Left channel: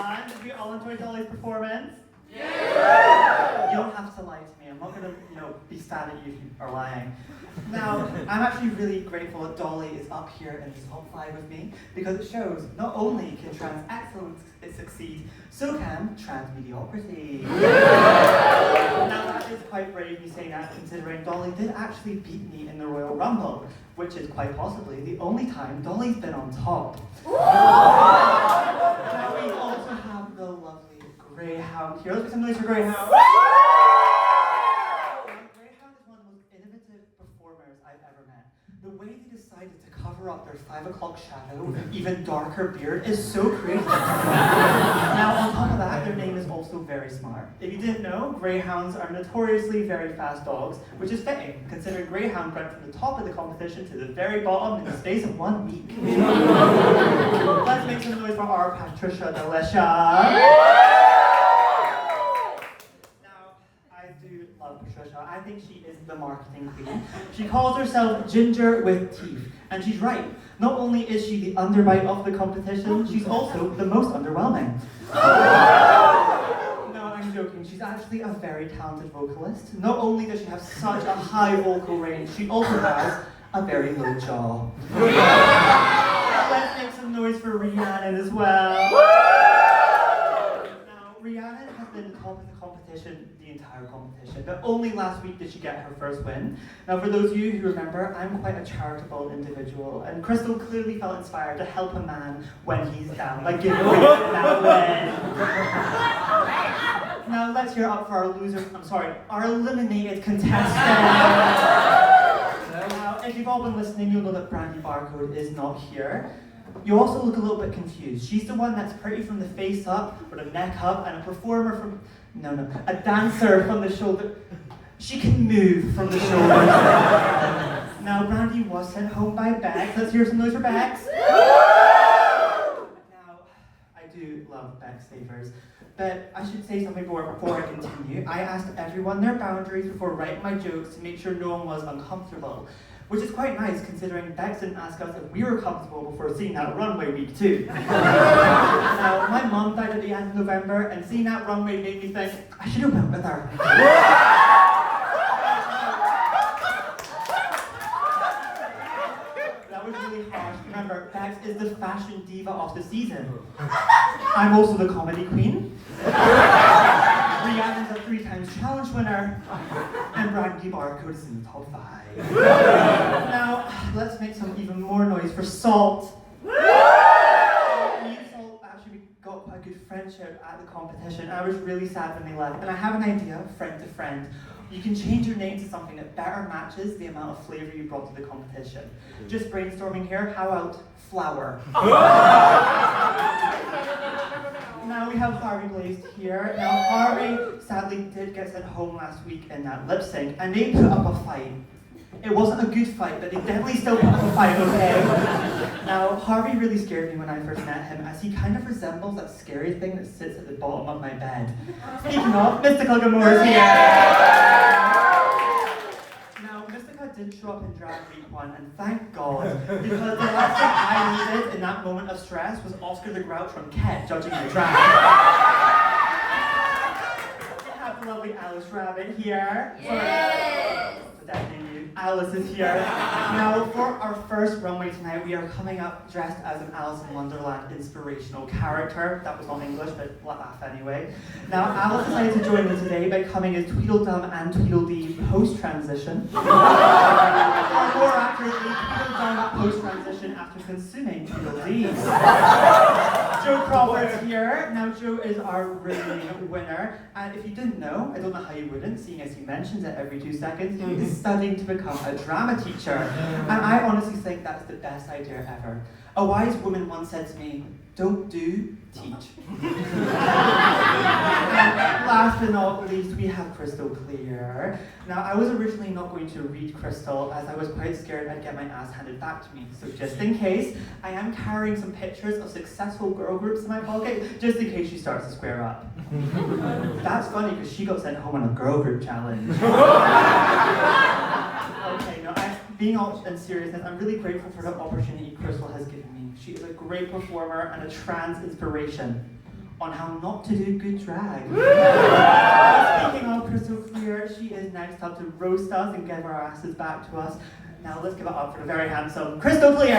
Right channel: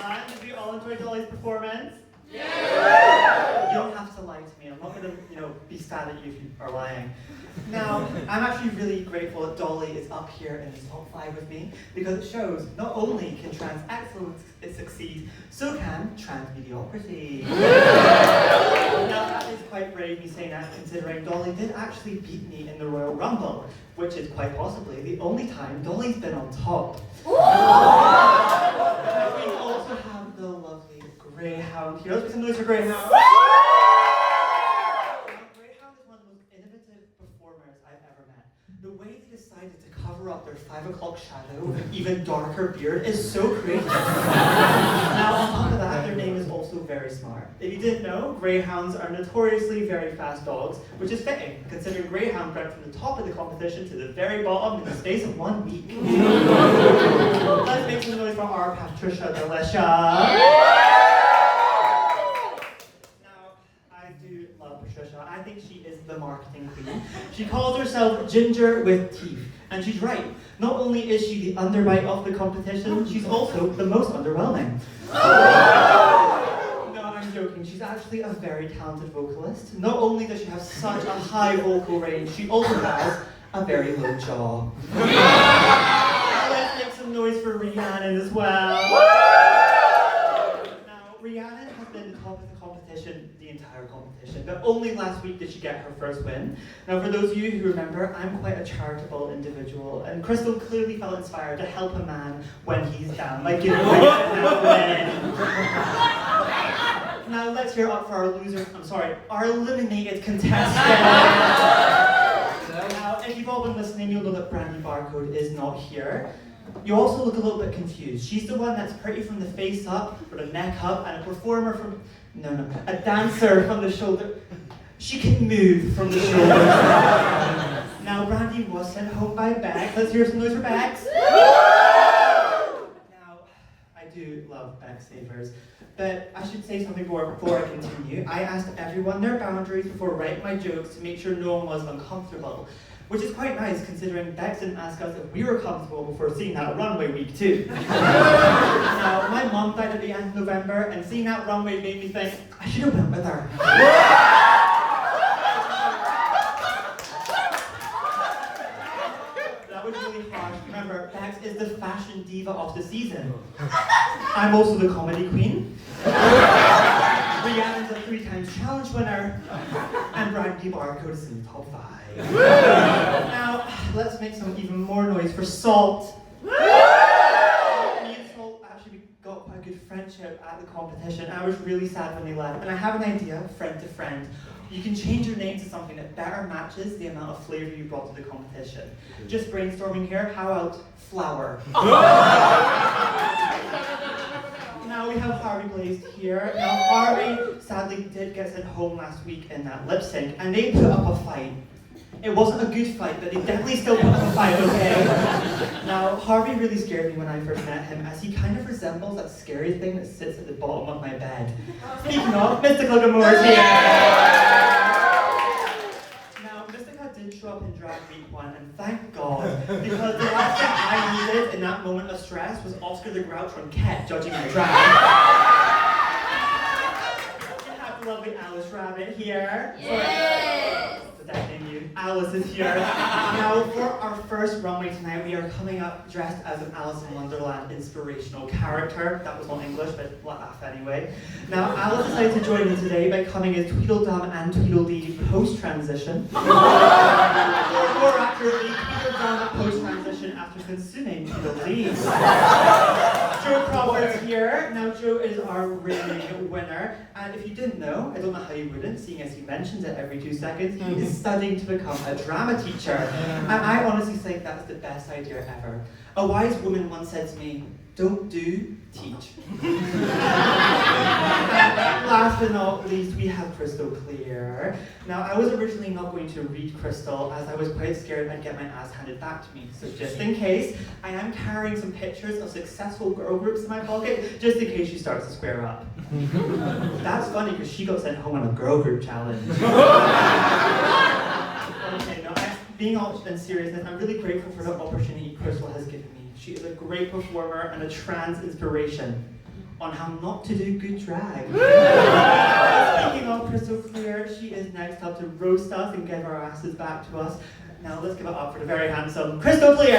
everyone. Did you all enjoy Dolly's performance? You don't have to lie to me. I'm not going to, be sad at you if you are lying. Now, I'm actually really grateful that Dolly is up here in the top 5 with me because it shows not only can trans excellence succeed, so can trans mediocrity. Now, that is quite brave me saying that, considering Dolly did actually beat me in the Royal Rumble, which is quite possibly the only time Dolly's been on top. Now, we also have the lovely Greyhound here. Let's put some noise for Greyhound. Greyhound is one of the most innovative performers I've ever met. The way they decided to cover up their 5 o'clock shadow with an even darker beard is so creative. Now, on top of that, their name is also very smart. If you didn't know, Greyhounds are notoriously very fast dogs, which is fitting, considering Greyhound went from the top of the competition to the very bottom in the space of 1 week. Let's make some noise for our Patricia Delicious. Patricia. I think she is the marketing queen. She calls herself Ginger with Teeth, and she's right. Not only is she the underbite of the competition, she's also the most underwhelming. No, I'm joking. She's actually a very talented vocalist. Not only does she have such a high vocal range, she also has a very low jaw. Let's make some noise for Rhiannon as well. Now, Rhiannon has been top of the competition the entire competition, but only last week did she get her first win. Now, for those of you who remember, I'm quite a charitable individual, and Crystal clearly felt inspired to help a man when he's down by giving away that win. Now, let's hear up for our eliminated contestant. Now, if you've all been listening, you'll know that Brandy Barcode is not here. You also look a little bit confused. She's the one that's pretty from the face up, with a neck up, and a performer from, a dancer from the shoulder. She can move from the shoulders. Now, Brandy was sent home by Bex. Let's hear some noise for Bex. Now, I do love Bex Savers, but I should say something more before I continue. I asked everyone their boundaries before writing my jokes to make sure no one was uncomfortable. Which is quite nice, considering Bex didn't ask us if we were comfortable before seeing that runway week 2. Now, my mum died at the end of November, and seeing that runway made me think, I should have went with her. That was really harsh. Remember, Bex is the fashion diva of the season. I'm also the comedy queen. Rhiannon's a 3-time challenge winner, and Brandy Barcode is in the top 5. Now, let's make some even more noise for Salt. Me and Salt actually got quite a good friendship at the competition. I was really sad when they left, and I have an idea, friend to friend. You can change your name to something that better matches the amount of flavor you brought to the competition. Just brainstorming here, how about flour? Now we have Harvey Blazed here. Now Harvey sadly did get sent home last week in that lip sync, and they put up a fight. It wasn't a good fight, but they definitely still put up a fight, okay? Now, Harvey really scared me when I first met him, as he kind of resembles that scary thing that sits at the bottom of my bed. Speaking of, Mystical Gilmore is here! Now, Mystica did show up in drag week 1, and thank God, because the last thing I needed in that moment of stress was Oscar the Grouch from Ket judging my drag. We have the lovely Alice Rabbit here. Yes! Alice is here. Now, for our first runway tonight, we are coming up dressed as an Alice in Wonderland inspirational character. That was not English, but laugh anyway. Now, Alice decided to join me today by coming as Tweedledum and Tweedledee post-transition. Or more accurately, Tweedledum post-transition after consuming Tweedledee. Joe Crawford's here. Now, Joe is our reigning winner. And if you didn't know, I don't know how you wouldn't, seeing as he mentions it every 2 seconds, he is studying to become a drama teacher. And I honestly think that's the best idea ever. A wise woman once said to me, don't do, teach. And last but not least, we have Crystal Clear. Now, I was originally not going to read Crystal, as I was quite scared I'd get my ass handed back to me. So just in case, I am carrying some pictures of successful girl groups in my pocket, just in case she starts to square up. That's funny, because she got sent home on a girl group challenge. Okay, no, being all in seriousness, I'm really grateful for the opportunity Crystal has given me. She is a great performer and a trans inspiration. on how not to do good drag. Speaking of Crystal Clear, she is next up to roast us and give our asses back to us. Now let's give it up for the very handsome Crystal Clear.